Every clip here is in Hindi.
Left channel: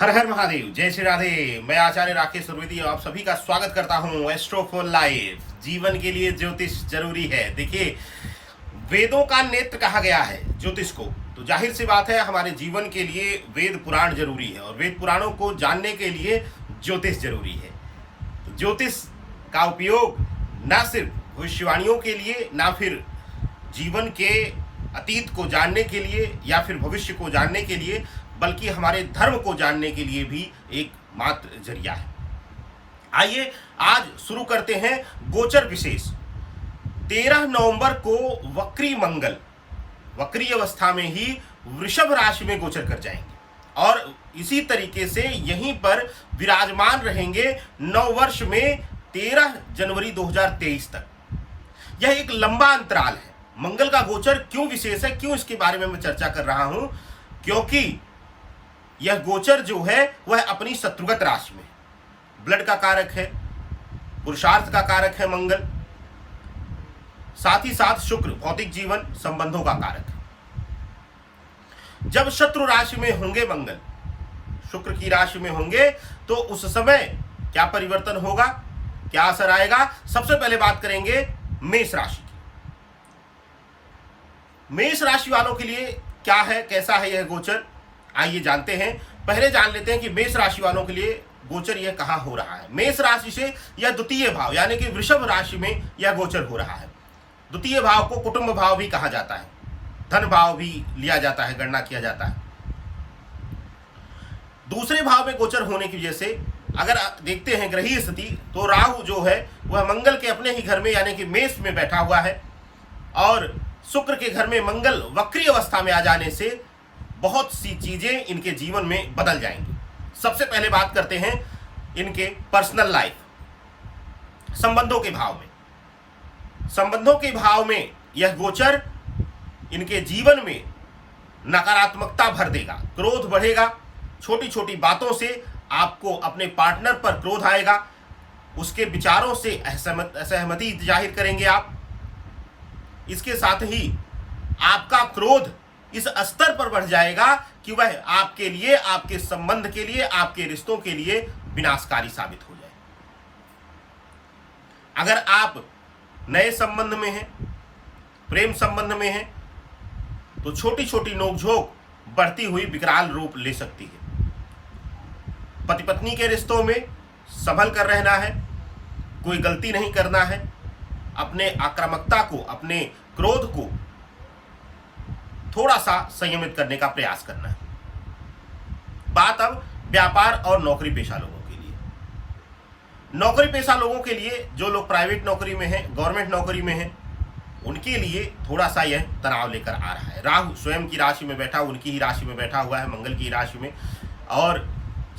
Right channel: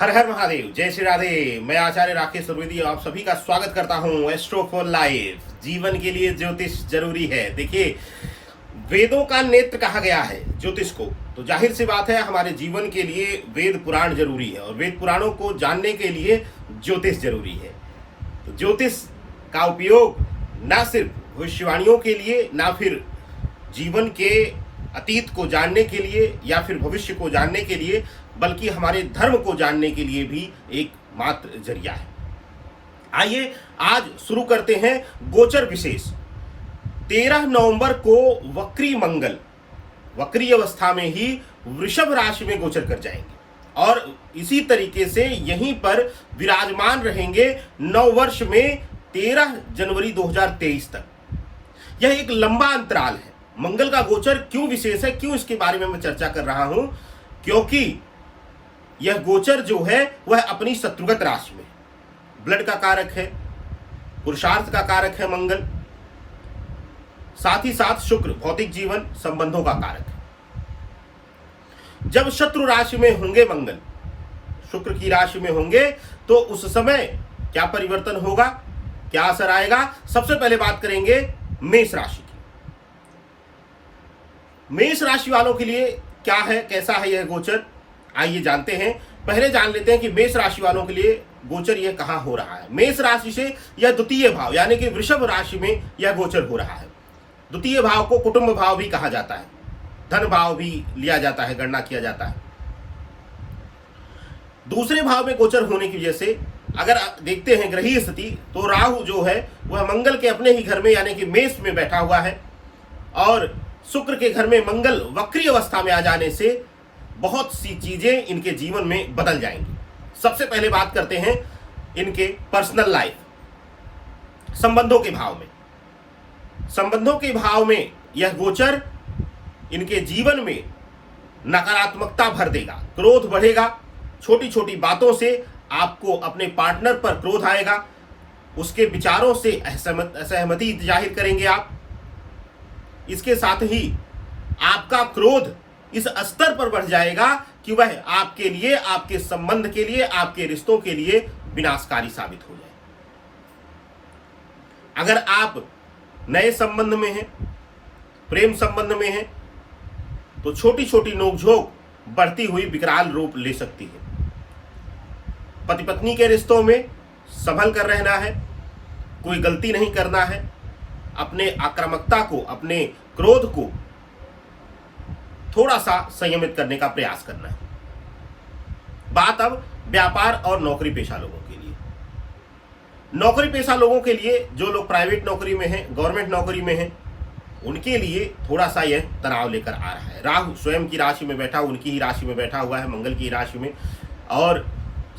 हर हर महादेव, जय श्री राधे। मैं आचार्य राकेश द्विवेदी आप सभी का स्वागत करता हूं एस्ट्रो फॉर लाइफ। जीवन के लिए ज्योतिष जरूरी है। देखिए, वेदों का नेत्र कहा गया है ज्योतिष को, तो जाहिर सी बात है हमारे जीवन के लिए वेद पुराण जरूरी है और वेद पुराणों को जानने के लिए ज्योतिष जरूरी है। तो ज्योतिष का उपयोग ना सिर्फ भविष्यवाणियों के लिए, ना फिर जीवन के अतीत को जानने के लिए या फिर भविष्य को जानने के लिए, बल्कि हमारे धर्म को जानने के लिए भी एक मात्र जरिया है। आइए आज शुरू करते हैं गोचर विशेष। 13 नवंबर को वक्री मंगल वक्री अवस्था में ही वृषभ राशि में गोचर कर जाएंगे और इसी तरीके से यहीं पर विराजमान रहेंगे 9 वर्ष में 13 जनवरी 2023 तक। यह एक लंबा अंतराल है। मंगल का गोचर क्यों विशेष है, क्यों इसके बारे में मैं चर्चा कर रहा हूं, क्योंकि यह गोचर जो है वह अपनी शत्रुगत राशि में, ब्लड का कारक है, पुरुषार्थ का कारक है मंगल, साथ ही साथ शुक्र भौतिक जीवन संबंधों का कारक है। जब शत्रु राशि में होंगे मंगल, शुक्र की राशि में होंगे, तो उस समय क्या परिवर्तन होगा, क्या असर आएगा। सबसे पहले बात करेंगे मेष राशि की। मेष राशि वालों के लिए क्या है, कैसा है यह गोचर, आइए जानते हैं। पहले जान लेते हैं कि मेष राशि वालों के लिए गोचर यह कहां हो रहा है। मेष राशि से यह द्वितीय भाव यानी कि वृषभ राशि में यह गोचर हो रहा है। द्वितीय भाव को कुटुंब भाव भी कहा जाता है, धन भाव भी लिया जाता है, गणना किया जाता है। दूसरे भाव में गोचर होने की वजह से अगर देखते हैं ग्रहीय स्थिति, तो राहु जो है वह मंगल के अपने ही घर में यानी कि मेष में बैठा हुआ है और शुक्र के घर में मंगल वक्री अवस्था में आ जाने से बहुत सी चीजें इनके जीवन में बदल जाएंगी। सबसे पहले बात करते हैं इनके पर्सनल लाइफ, संबंधों के भाव में। संबंधों के भाव में यह गोचर इनके जीवन में नकारात्मकता भर देगा, क्रोध बढ़ेगा, छोटी छोटी बातों से आपको अपने पार्टनर पर क्रोध आएगा, उसके विचारों से असहमति जाहिर करेंगे आप। इसके साथ ही आपका क्रोध इस स्तर पर बढ़ जाएगा कि वह आपके लिए, आपके संबंध के लिए, आपके रिश्तों के लिए विनाशकारी साबित हो जाए। अगर आप नए संबंध में हैं, प्रेम संबंध में हैं, तो छोटी छोटी नोकझोंक बढ़ती हुई विकराल रूप ले सकती है। पति पत्नी के रिश्तों में संभल कर रहना है, कोई गलती नहीं करना है, अपने आक्रामकता को, अपने क्रोध को थोड़ा सा संयमित करने का प्रयास करना है। बात अब व्यापार और नौकरी पेशा लोगों के लिए। नौकरी पेशा लोगों के लिए, जो लोग प्राइवेट नौकरी में हैं, गवर्नमेंट नौकरी में हैं, उनके लिए थोड़ा सा यह तनाव लेकर आ रहा है। राहु स्वयं की राशि में बैठा, उनकी ही राशि में बैठा हुआ है, मंगल की राशि में। और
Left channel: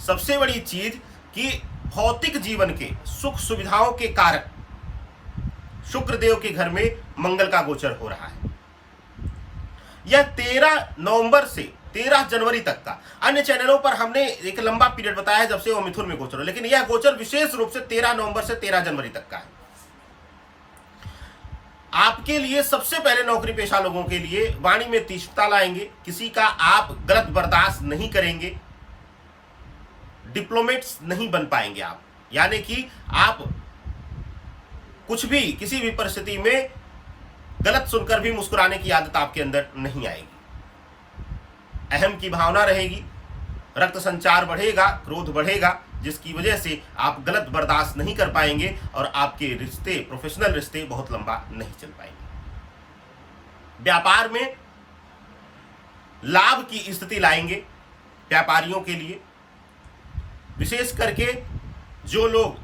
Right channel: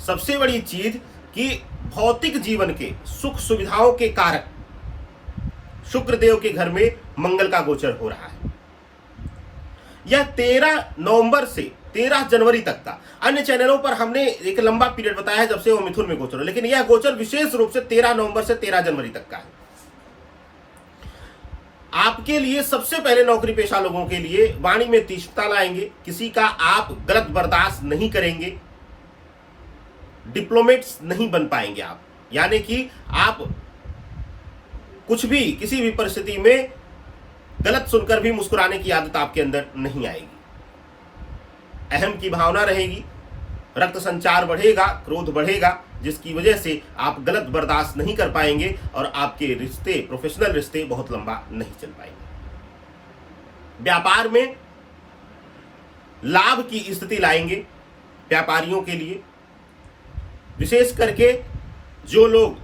सबसे बड़ी चीज कि भौतिक जीवन के सुख सुविधाओं के कारक शुक्रदेव के घर में मंगल का गोचर हो रहा है। यह 13 नवंबर से 13 जनवरी तक का, अन्य चैनलों पर हमने एक लंबा पीरियड बताया है जब से वो मिथुन में गोचर हो, लेकिन यह गोचर विशेष रूप से 13 नवंबर से 13 जनवरी तक का है। आपके लिए सबसे पहले नौकरी पेशा लोगों के लिए वाणी में तीक्ष्णता लाएंगे, किसी का आप गलत बर्दाश्त नहीं करेंगे, डिप्लोमेट्स नहीं बन पाएंगे आप, यानी कि आप कुछ भी, किसी भी परिस्थिति में गलत सुनकर भी मुस्कुराने की आदत आपके अंदर नहीं आएगी। अहम की भावना रहेगी, रक्त संचार बढ़ेगा, क्रोध बढ़ेगा, जिसकी वजह से आप गलत बर्दाश्त नहीं कर पाएंगे और आपके रिश्ते, प्रोफेशनल रिश्ते बहुत लंबा नहीं चल पाएंगे। व्यापार में लाभ की स्थिति लाएंगे व्यापारियों के लिए, विशेष करके जो लोग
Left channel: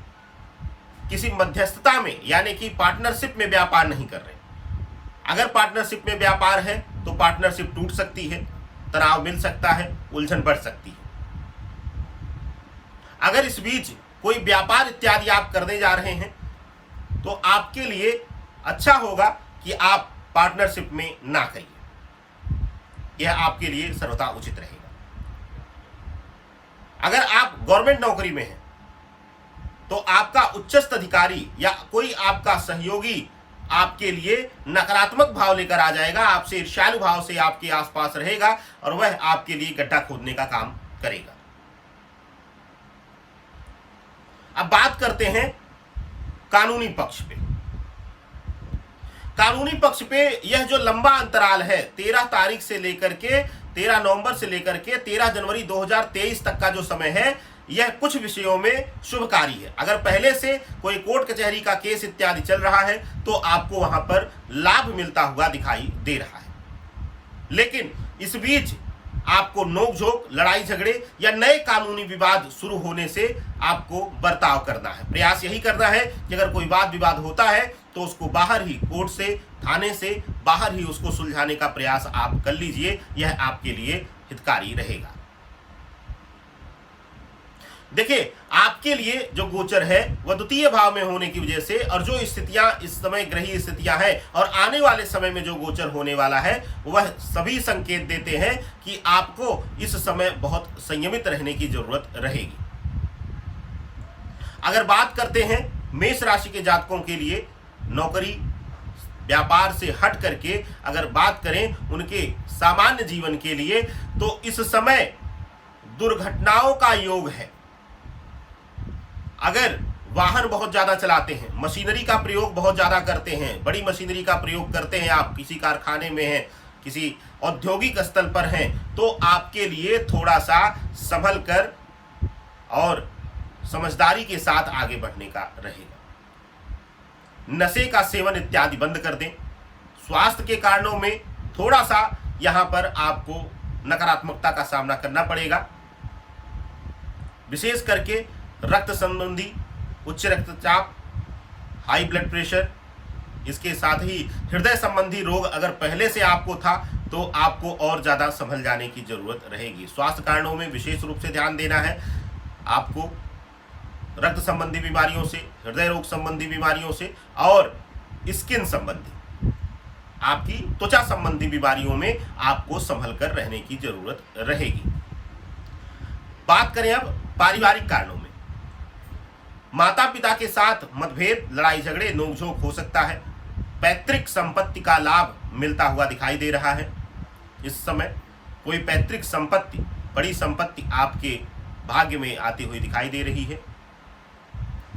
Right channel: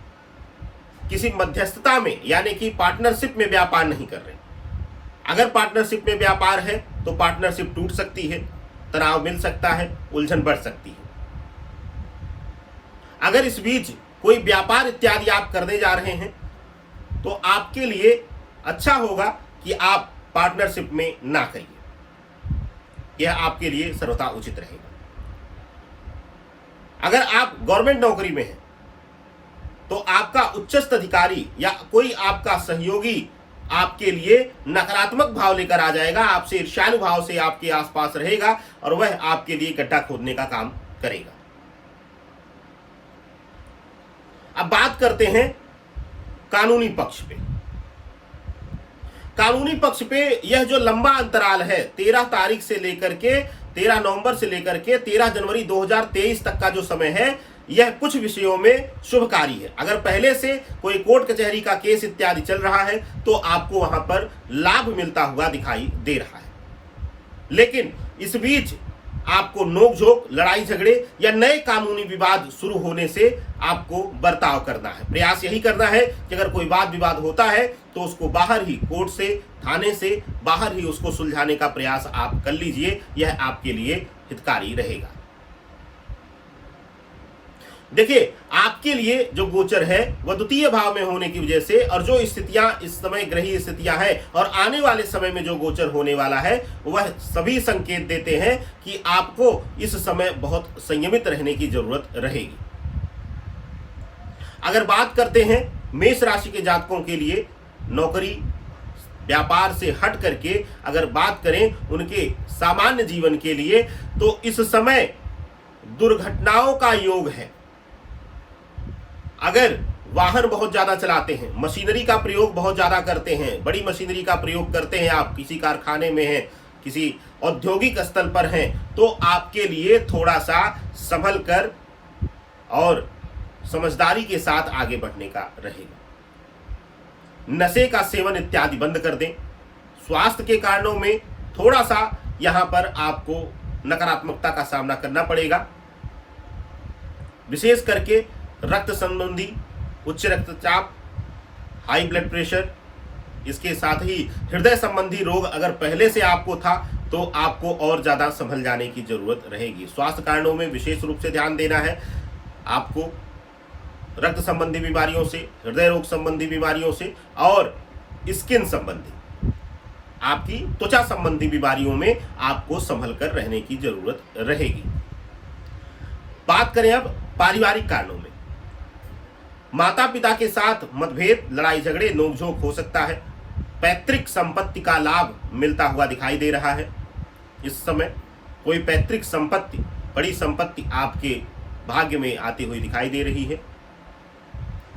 किसी मध्यस्थता में यानी कि पार्टनरशिप में व्यापार नहीं कर रहे। अगर पार्टनरशिप में व्यापार है तो पार्टनरशिप टूट सकती है, तनाव मिल सकता है, उलझन बढ़ सकती है। अगर इस बीच कोई व्यापार इत्यादि आप करने जा रहे हैं तो आपके लिए अच्छा होगा कि आप पार्टनरशिप में ना करिए, यह आपके लिए सर्वथा उचित रहेगा। अगर आप गवर्नमेंट नौकरी में हैं तो आपका उच्चस्थ अधिकारी या कोई आपका सहयोगी आपके लिए नकारात्मक भाव लेकर आ जाएगा, आपसे ईर्ष्यालु भाव से आपके आसपास रहेगा और वह आपके लिए गड्ढा खोदने का काम करेगा। अब बात करते हैं कानूनी पक्ष पे। कानूनी पक्ष पे यह जो लंबा अंतराल है 13 नवंबर से लेकर के 13 जनवरी 2023 तक का जो समय है, यह कुछ विषयों में शुभकारी है। अगर पहले से कोई कोर्ट कचहरी का केस इत्यादि चल रहा है तो आपको वहां पर लाभ मिलता हुआ दिखाई दे रहा है। लेकिन इस बीच आपको नोकझोंक, लड़ाई झगड़े या नए कानूनी विवाद शुरू होने से आपको बर्ताव करना है। प्रयास यही करना है कि अगर कोई वाद विवाद होता है तो उसको बाहर ही, कोर्ट से, थाने से बाहर ही उसको सुलझाने का प्रयास आप कर लीजिए। यह आपके लिए हितकारी रहेगा। देखिए, आपके लिए जो गोचर है वह द्वितीय भाव में होने की वजह से, और जो स्थितियां इस समय ग्रही स्थितियां हैं और आने वाले समय में जो गोचर होने वाला है, वह सभी संकेत देते हैं कि आपको इस समय बहुत संयमित रहने की जरूरत रहेगी। अगर बात करते हैं मेष राशि के जातकों के लिए, नौकरी व्यापार से हट करके अगर बात करें उनके सामान्य जीवन के लिए, तो इस समय दुर्घटनाओं का योग है। अगर वाहन बहुत ज्यादा चलाते हैं, मशीनरी का प्रयोग बहुत ज्यादा करते हैं, बड़ी मशीनरी का प्रयोग करते हैं, आप किसी कारखाने में हैं, किसी औद्योगिक स्थल पर हैं, तो आपके लिए थोड़ा सा संभल कर और समझदारी के साथ आगे बढ़ने का रहेगा। नशे का सेवन इत्यादि बंद कर दें। स्वास्थ्य के कारणों में थोड़ा सा यहां पर आपको नकारात्मकता का सामना करना पड़ेगा। विशेष करके रक्त संबंधी, उच्च रक्तचाप, हाई ब्लड प्रेशर, इसके साथ ही हृदय संबंधी रोग अगर पहले से आपको था तो आपको और ज्यादा संभल जाने की जरूरत रहेगी। स्वास्थ्य कारणों में विशेष रूप से ध्यान देना है आपको। रक्त संबंधी बीमारियों से, हृदय रोग संबंधी बीमारियों से और स्किन संबंधी, आपकी त्वचा संबंधी बीमारियों में आपको संभल कर रहने की जरूरत रहेगी। बात करें अब पारिवारिक कारणों में, माता पिता के साथ मतभेद, लड़ाई झगड़े, नोकझोंक हो सकता है। पैतृक संपत्ति का लाभ मिलता हुआ दिखाई दे रहा है। इस समय कोई पैतृक संपत्ति, बड़ी संपत्ति आपके भाग्य में आती हुई दिखाई दे रही है।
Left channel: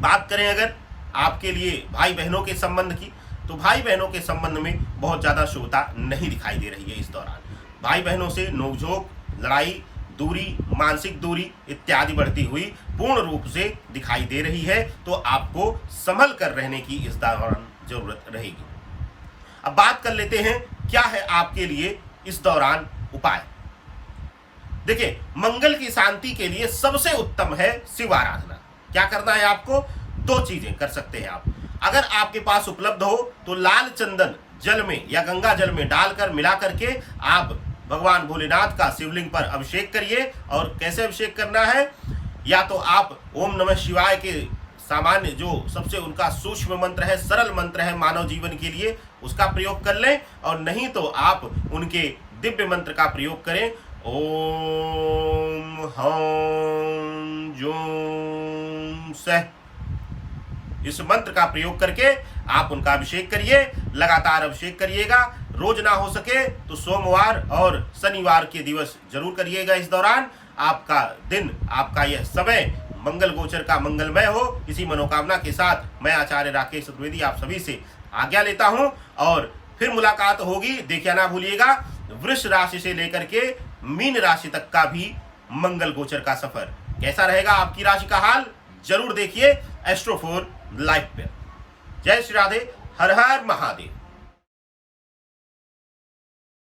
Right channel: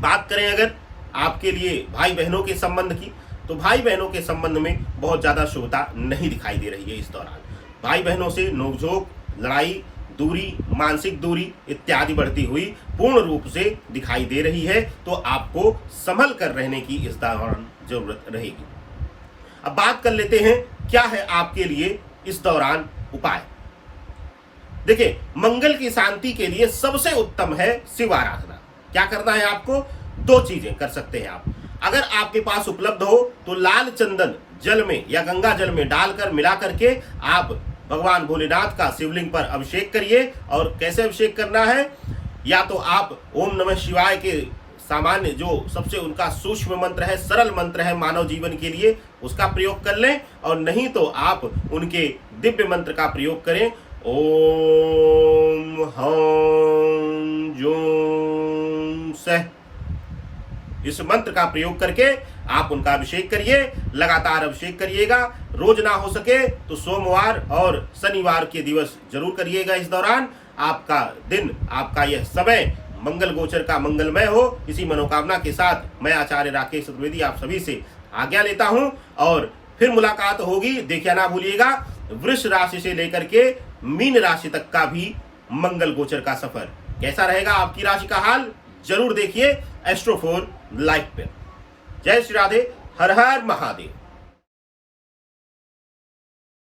बात करें अगर आपके लिए भाई बहनों के संबंध की, तो भाई बहनों के संबंध में बहुत ज्यादा शुभता नहीं दिखाई दे रही है इस दौरान। भाई बहनों से नोकझोंक, लड़ाई, दूरी, मानसिक दूरी इत्यादि बढ़ती हुई पूर्ण रूप से दिखाई दे रही है, तो आपको संभल कर रहने की इस दौरान जरूरत रहेगी। अब बात कर लेते हैं क्या है आपके लिए इस दौरान उपाय। देखिए, मंगल की शांति के लिए सबसे उत्तम है शिव आराधना। क्या करना है आपको? दो चीजें कर सकते हैं आप। अगर आपके पास उपलब्ध हो तो लाल चंदन जल में या गंगा जल में डालकर मिला करके आप भगवान भोलेनाथ का शिवलिंग पर अभिषेक करिए। और कैसे अभिषेक करना है? या तो आप ओम नमः शिवाय के सामान्य जो सबसे उनका सूक्ष्म मंत्र है, सरल मंत्र है मानव जीवन के लिए, उसका प्रयोग कर लें, और नहीं तो आप उनके दिव्य मंत्र का प्रयोग करें। ओम हम जोम सह, इस मंत्र का प्रयोग करके आप उनका अभिषेक करिए। लगातार अभिषेक करिएगा। रोज ना हो सके तो सोमवार और शनिवार के दिवस जरूर करिएगा। इस दौरान आपका दिन, आपका यह समय मंगल गोचर का मंगलमय हो। इसी मनोकामना के साथ मैं आचार्य राकेश चतुर्वेदी आप सभी से आज्ञा लेता हूं, और फिर मुलाकात होगी। देखिए ना भूलिएगा, वृष राशि से लेकर के मीन राशि तक का भी मंगल गोचर का सफर कैसा रहेगा, आपकी राशि का हाल जरूर देखिए एस्ट्रो4 लाइव पे। जय श्री राधे, हर हर महादेव।